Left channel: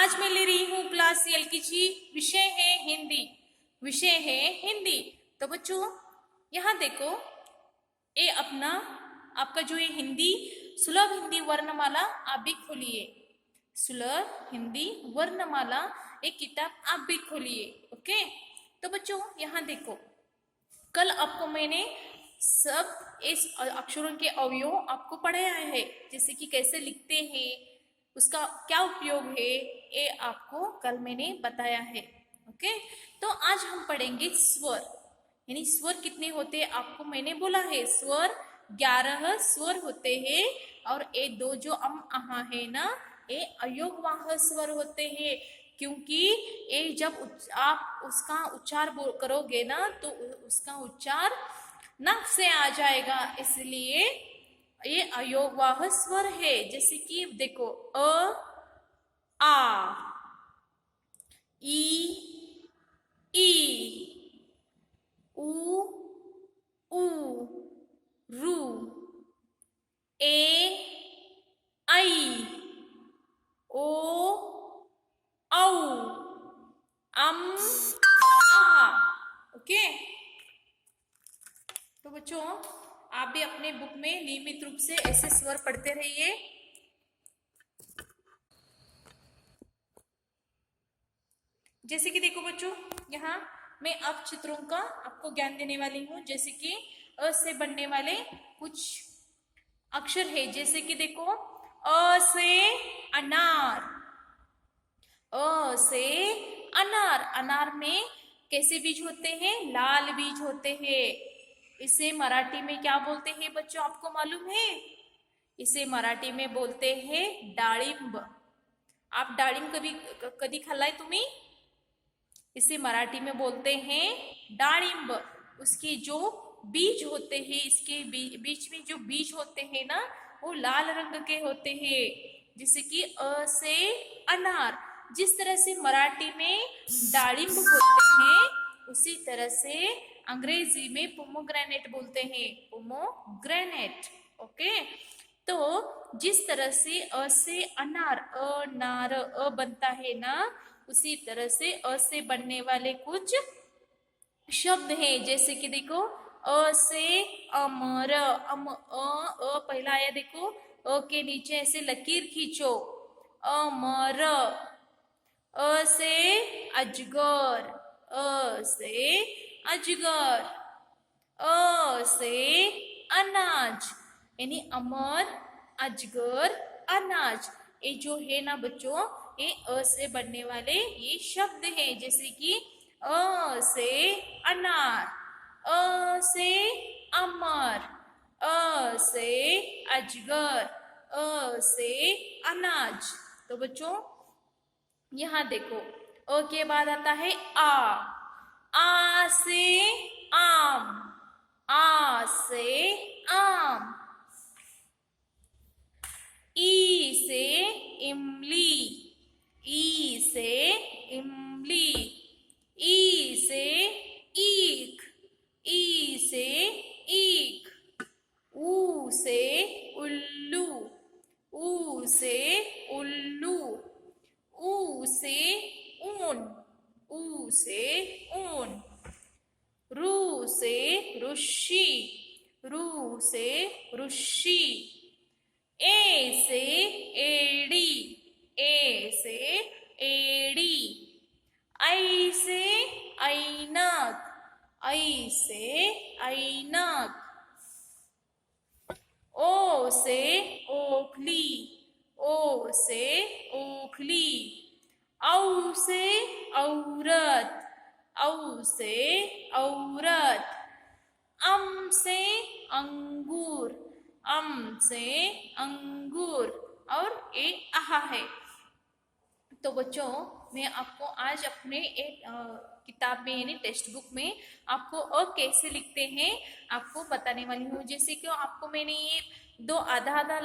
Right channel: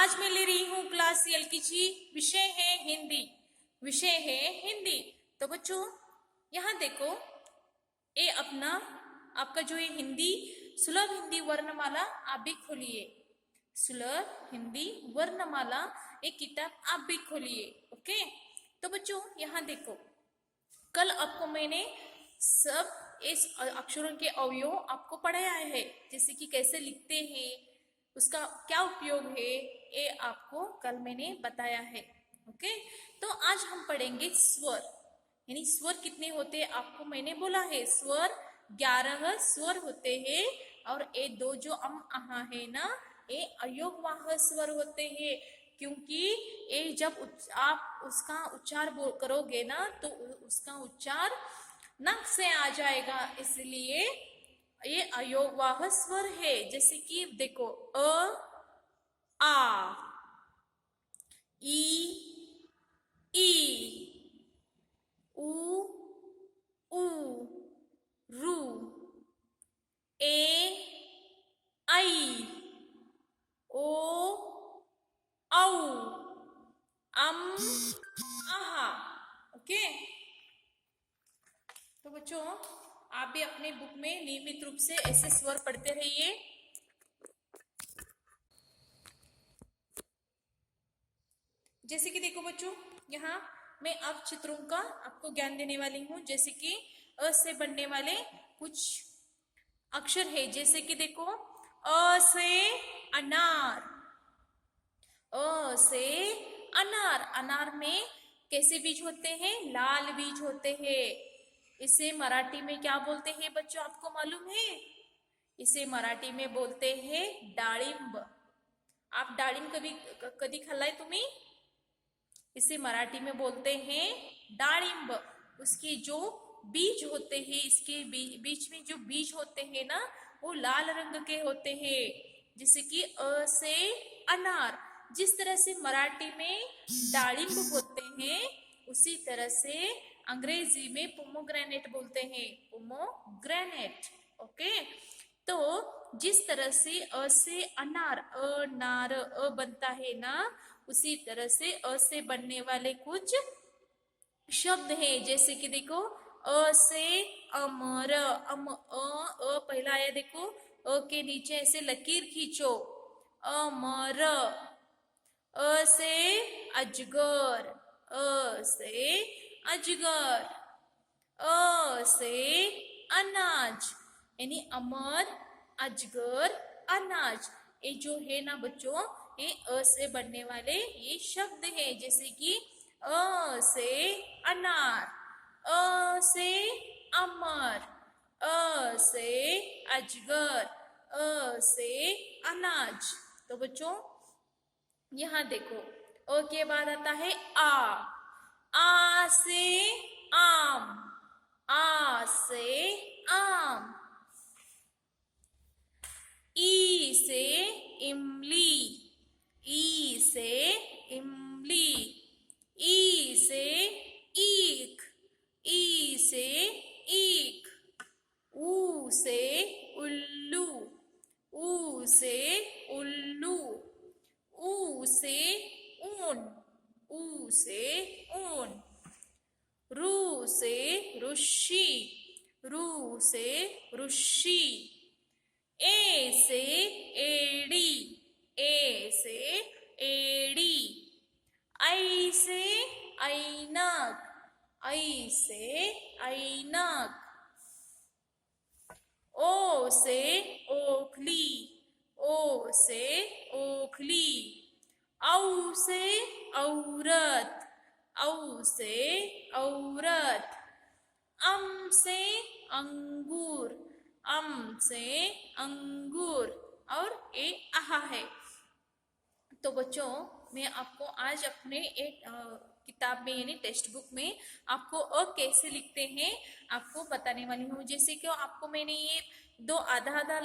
आज मैं ले रही हूँ क्लास एलकेजी। विषय है हिंदी। विषय है हिंदी। तो बच्चों यहाँ देखो, ये अपना आपका जो ये हिंदी सुलभ हिंदी वर्णमाला आप भी खोलिए। सुलभ हिंदी वर्णमाला एक किताब आप भी खोलिए। ओके, तो बच्चों यहाँ देखो, कल आपको मैंने सब इस अक्षरों के अवयव आपको पढ़ाया है, जैसे कि कैसे लिखते हैं, उसका क्या उपयोग है, ये आपको कल मैंने बताया है। ओके, तो आज हम पढ़ेंगे स्वर। यानी स्वर कितने होते हैं आपको मैंने बोला है। स्वर 11 स्वर होते हैं और ये दो जो आहा है ना, ये अयोगवाह स्वर होते हैं। क्योंकि ये जब आप उसका उच्चार करोगे ना तो उसका उच्चार नाक से आ जाएगा, इसलिए ये अयोगवाह स्वर है। जैसे कि देखो, आ, ई, उ, रु, ए, आई, ओ, औ, आहा। ओके, तो बच्चों आप भी अपने बुक में नियमित रूप से ऐसे स्वर पढ़ते रहिए। जैसे कि देखो बच्चों, यहाँ मैं अब चित्रों का आपको ज्ञान देने वाली हूँ। जैसे कि अ से बनने वाले कुछ अक्षर है। जैसे कि देखो, अ से अनार। अ से अनार। अनार में कैसे बीज होते हैं? लाल बीज होते हैं। इसे मराठी में क्या बोलते हैं बच्चों, आपको मालूम है? इसे मराठी में बोलते हैं डाळिंब। आप डाळिंब कभी कधी खाल्लाय तुम्ही? इसे मराठी में बोलते हैं डाळिंब। उसके जो बीज होते हैं, इसके बीच में जो बीज होते हैं ना, वो लाल रंग के होते हैं। जैसे कि अ से अनार। जिस तरह से मराठी में डाळिंब बोलते हैं, उसी तरह से अंग्रेजी में पोमोग्रेनेट बोलते हैं। पोमोग्रेनेट। ओके, तो जिस तरह से अ से अनार, अनार अ बनता है ना, उसी तरह से अ से बनने वाले कुछ शब्द हैं। जैसे कि देखो, अ से अमर। पहला आया, देखो अ के नीचे ऐसे लकीर खींचो, अमर। अ से अजगर। अ से अजगर। अ से अनाज। यानी अमर, अजगर, अनाज। ये जो है ना बच्चों, ये अ से बनने वाले ये शब्द हैं। जैसे कि अ से अनार, अ से अमर, अ से अजगर, अ से अनाज। तो बच्चों यहाँ देखो, अ के बाद आता है आ से आम, आ से आम। ई से इमली, ई से इमली। ई से ईख, ई से ईख। ऊ से उल्लू, ऊ से उल्लू। ऊ से ऊन, ऊ से ऊन। रू से ऋषि, रू से ऋषि। ए से एड़ी, ए से एड़ी। आई से ऐनक, आई से ऐनक। ओ से ओखली, ओ से ओखली। औ से औरत, औ से औरत। अम से अंगूर, अम से अंगूर। और ए आहा है। तो बच्चों मैं आपको आज अपने एक किताब में यानी टेक्स्ट बुक में आपको अ कैसे लिखते हैं आपको बताने वाली हूँ। जैसे कि आपको मैंने ये दो आधा आधा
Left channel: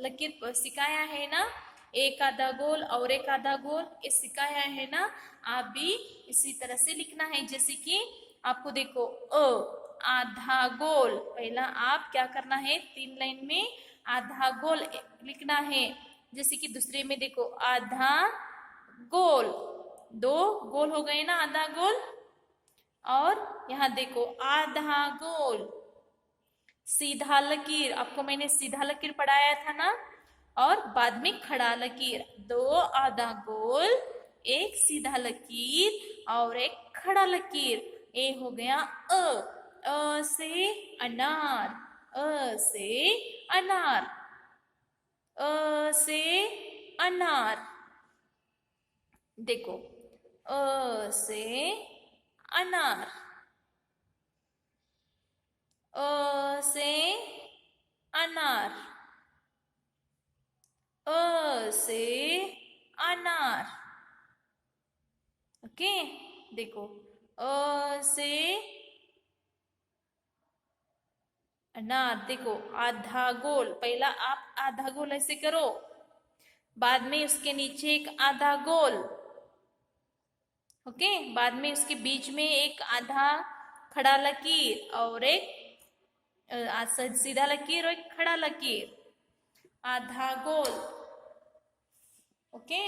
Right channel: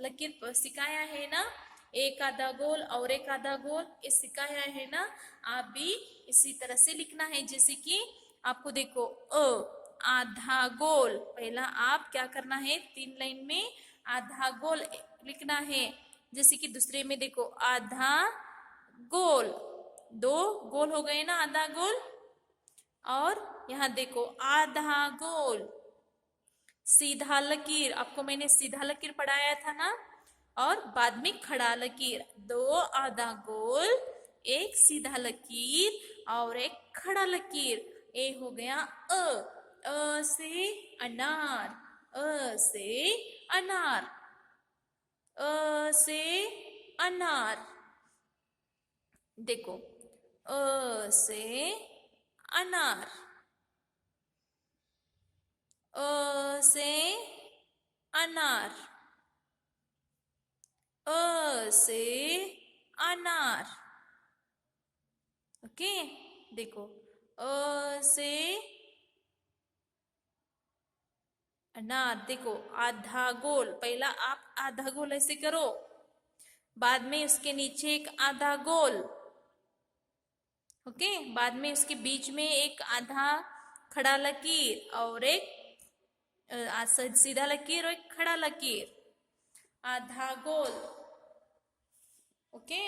लकीर सिखाया है ना, एक आधा गोल और एक आधा गोल, ये सिखाया है ना। आप भी इसी तरह से लिखना है। जैसे कि आपको देखो, आधा गोल, पहला आप क्या करना है, 3 लाइन में आधा गोल लिखना है। जैसे कि दूसरे में देखो आधा गोल, दो गोल हो गए ना, आधा गोल। और यहाँ देखो आधा गोल, सीधा लकीर, आपको मैंने सीधा लकीर पढ़ाया था ना। और बाद में खड़ा लकीर, दो आधा गोल, एक सीधा लकीर और एक खड़ा लकीर। ए हो गया अ से अनार, अ से अनार, अ से अनार। देखो अ से अनार, अ से अनार, अ से अनार। ओके, देखो अ से अनार। देखो आधा गोल, पहला आप आधा गोल ऐसे करो, बाद में उसके नीचे एक आधा गोल, ओके, बाद में उसके बीच में एक आधा खड़ा लकीर और एक सीधा लकीर और एक खड़ा लकीर, आधा गोल। ओके,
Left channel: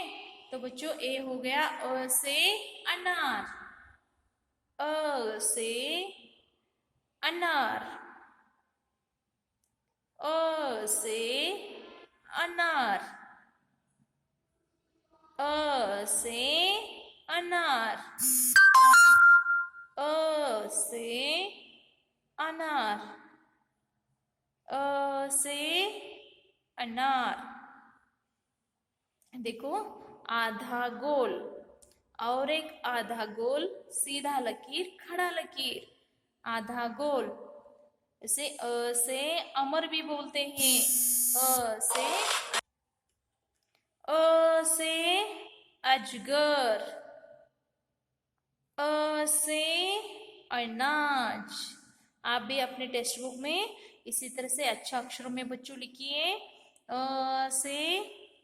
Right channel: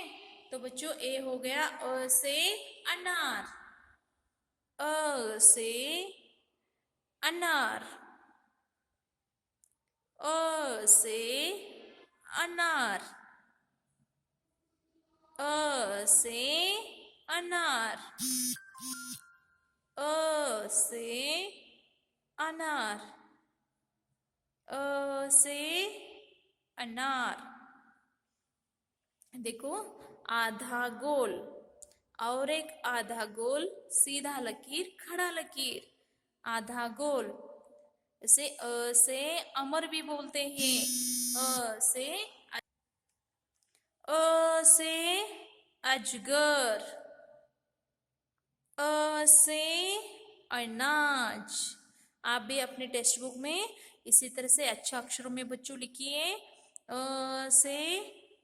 तो बच्चों ए हो गया अ से अनार, अ से अनार, अ से अनार, अ से अनार, अ से अनार, अ से अनार। देखो आधा गोल और एक आधा गोल, सीधा लकीर खड़ा लकीर, आधा गोल। इसे अ से अमर भी बोलते हैं, अ से अजगर, अ से अनाज। आप भी अपने टेक्स्ट बुक में इसी तरह से अच्छा अक्षरों में बच्चों लिखिए, अ से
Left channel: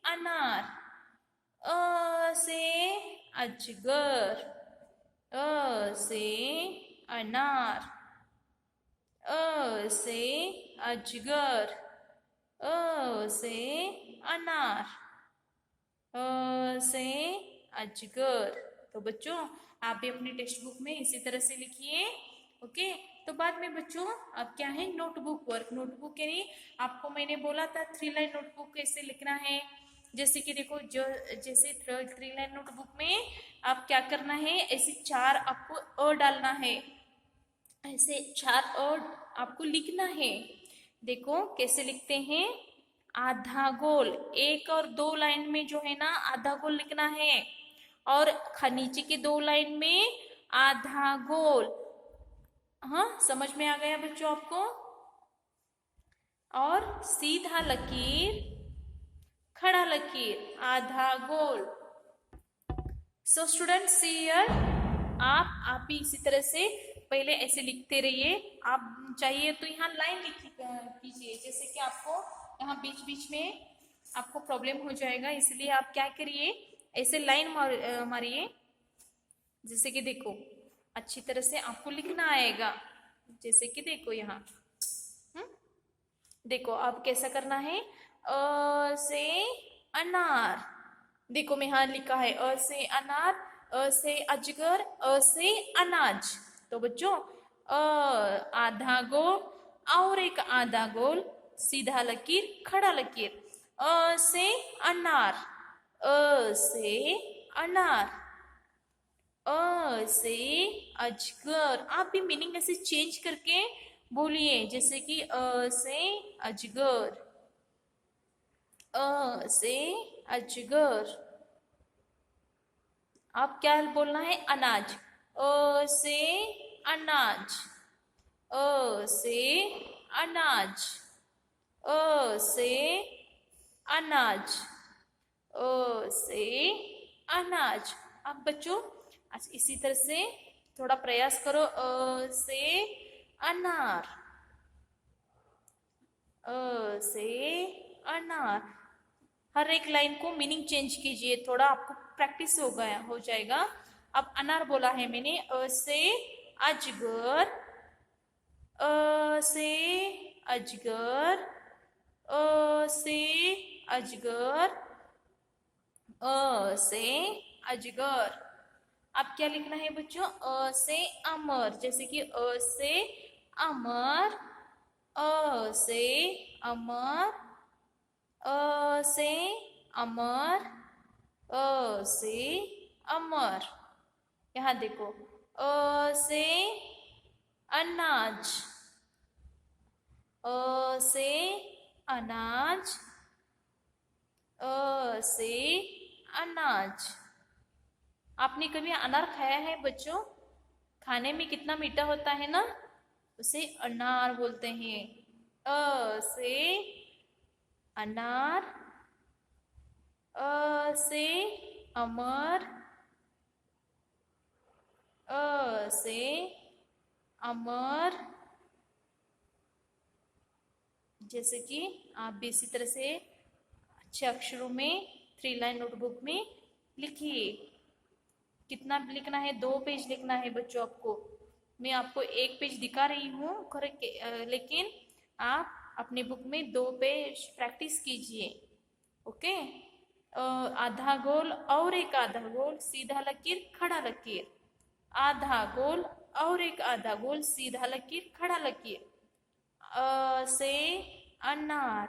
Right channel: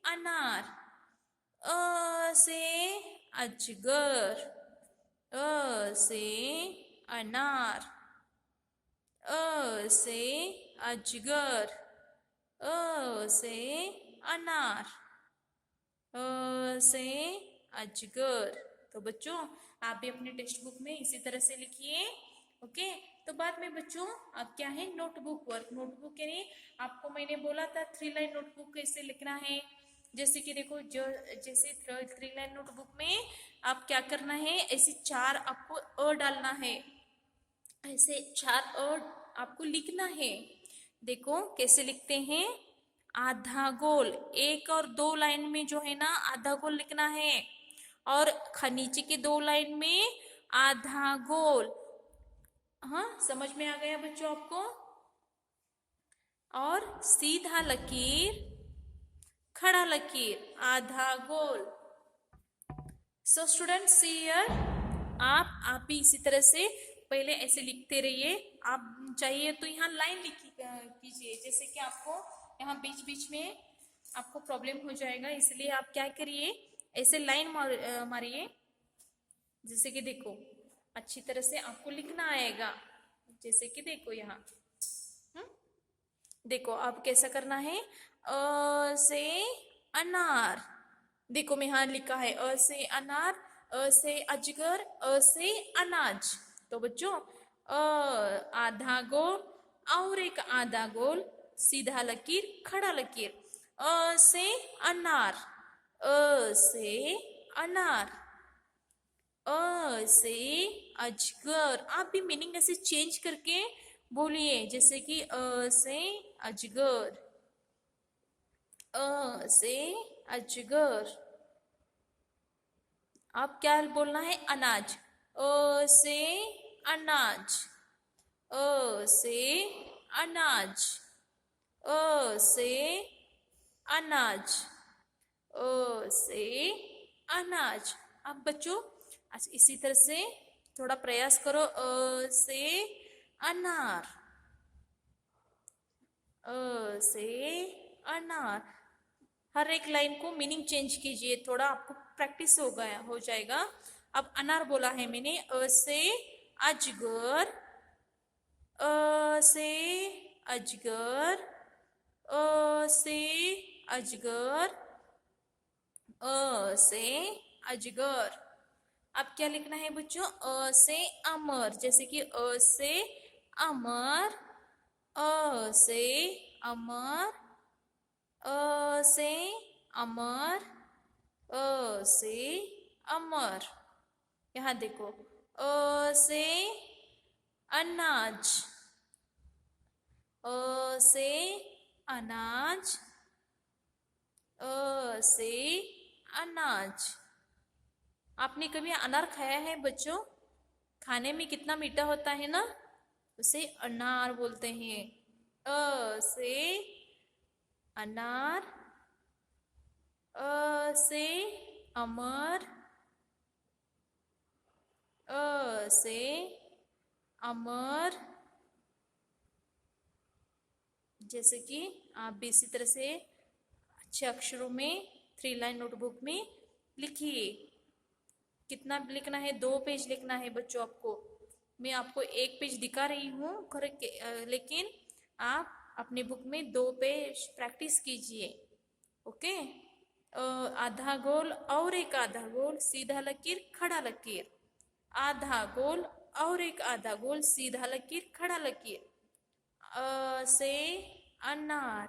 अनार, अ से अजगर, अ से अनार, अ से अजगर, अ से अनार, अ से अजगर। तो बच्चों आप भी अपने टेक्स्ट बुक में इसी तरह से लिखिए। ओके, तो बाद में बच्चों अब क्या है, नोटबुक वर्क। नोटबुक यानी आपको मैंने बोला था 3 लाइन नोटबुक कैसे लिखना है। जैसे कि देखो, जो जैसे 3 लाइन नोटबुक में आप क्या करना है, ऐसे 4 आपको अ डालना है, ऐसे 4 अ आपको लिखना है। देखो कैसे लिखते हैं, आधा गोल, 1 और 2 लाइन में जो है ना आधा गोल लिखना है, और नीचे के 2 लाइन में आधा गोल। हाँ, समझ में आ गया बच्चों आपको। और सीधा लकीर खड़ा लकीर, आधा गोल। सो स्टूडेंट्स सी हियर, आप भी इसी तरह से पहले ऐसे लिखते रहिए। आप चाहिए तो यहाँ लाइन लिखी कीजिए, जैसे कि आपको यहाँ बीच बीच में आपको प्रॉब्लम हो जाएगा, इसलिए आप क्या करिए, ऐसे लाइन मारिए। जैसे कि देखो अच्छी तरह से आपको लिखना आएगा, जैसे कि देखो यहाँ देखो अब कैसा करना है, अ से अनार। देखो मैं यहाँ लिखा है अ से अनार, अ से अजगर, अ से अनाज। तो बच्चों आधा गोल और एक आधा गोल, सीधा लकीर खड़ा लकीर, अ से अनार, अ से अनार, अ से अजगर। आप भी मीनिंग ऐसे चेंज करके बोलिए, जैसे कि अ से अजगर, अ से अजगर। आप क्या बोलना है, अनाज, अ से अनाज, अ से अनाज, अ से अनाज, अ से अनाज। अब बच्चों इसी तरह से थोड़ा प्रयास करो, अ से अनार, अ से अनार। हर एक लाइन को मीनिंग चेंज कीजिए, थोड़ा आपको प्रैक्टिस हो जाएगा। अब अनार बोला है मैंने, अ से अजगर, अ से अजगर, अ से अजगर, अ से अजगर। अब क्या लिखना है बच्चों? अ से अमर, जैसे कि अ से अमर, अ से अमर, अ से अमर, अ से अमर। यहाँ देखो, अ से अनाज, अ से अनाज, अ से अनाज। आपने कभी अनार खाया है बच्चों? खाने में कितना मीठा होता है ना, उसे अनार बोलते हैं। अ से अनार, अ से अमर, अ से अमर। जैसे कि आप भी इसी तरह से अच्छे अक्षरों में 3 लाइन नोटबुक में लिखिए। कितना लिखना है? 2 पेज लिखना है बच्चों आपको। मैं आपको 1 पेज दिखा रही हूँ, लेकिन आप अपनी बुक में 2 पेज प्रैक्टिस कीजिए। ओके। आधा गोल और एक आधा गोल, सीधा लकीर खड़ा लकीर, आधा गोल और एक आधा गोल, सीधा लकीर खड़ा लकीर। अ से अनार,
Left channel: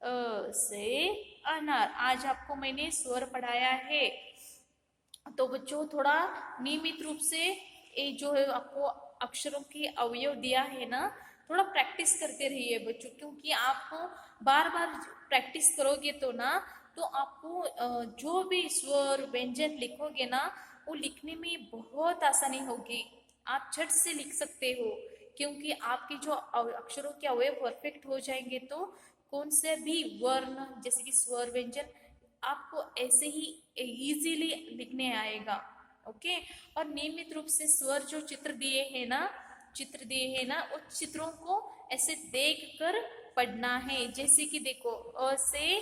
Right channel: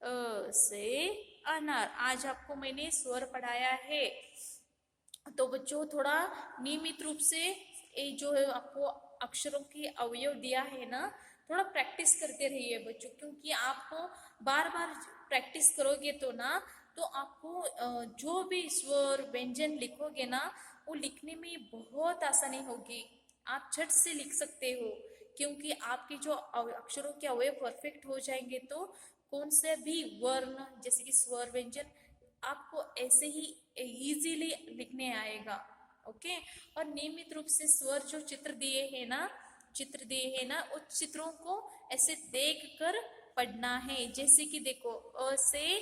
अ से अनार। आज आपको मैंने स्वर पढ़ाया है, तो बच्चों थोड़ा नियमित रूप से ये जो है आपको अक्षरों की अवयव दिया है ना, थोड़ा प्रैक्टिस करते रहिए बच्चों, क्योंकि आप बार बार प्रैक्टिस करोगे तो ना, तो आपको जो भी स्वर व्यंजन लिखोगे ना, वो लिखने में बहुत आसानी होगी। आप झट से लिख सकते हो, क्योंकि आपके जो अक्षरों के अवयव परफेक्ट हो जाएंगे, तो कौन से भी वर्ण जैसे कि स्वर व्यंजन आपको ऐसे ही इजीली लिखने आएगा। ओके। और नियमित रूप से स्वर जो चित्र दिए हैं ना, उस चित्रों को ऐसे देख कर पढ़ना है। जैसे कि देखो, अ से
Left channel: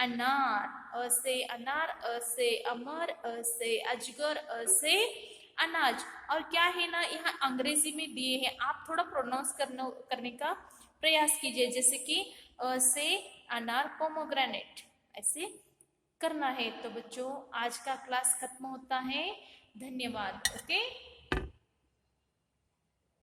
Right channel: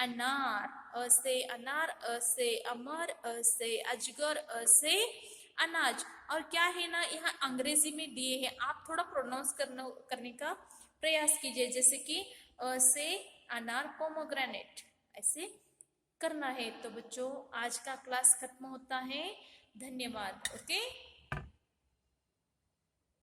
अनार, अ से अनार, अ से अमर, अ से अजगर, अ से अनाज। और क्या है ना, यहाँ अंग्रेजी में दिए हैं, आप थोड़ा प्रोनाउंस करने का प्रयास कीजिए। जैसे कि अ से अनार पोमोग्रेनेट, ऐसे करना है। तो बच्चों आज का क्लास खत्म होता है। धन्यवाद। ओके।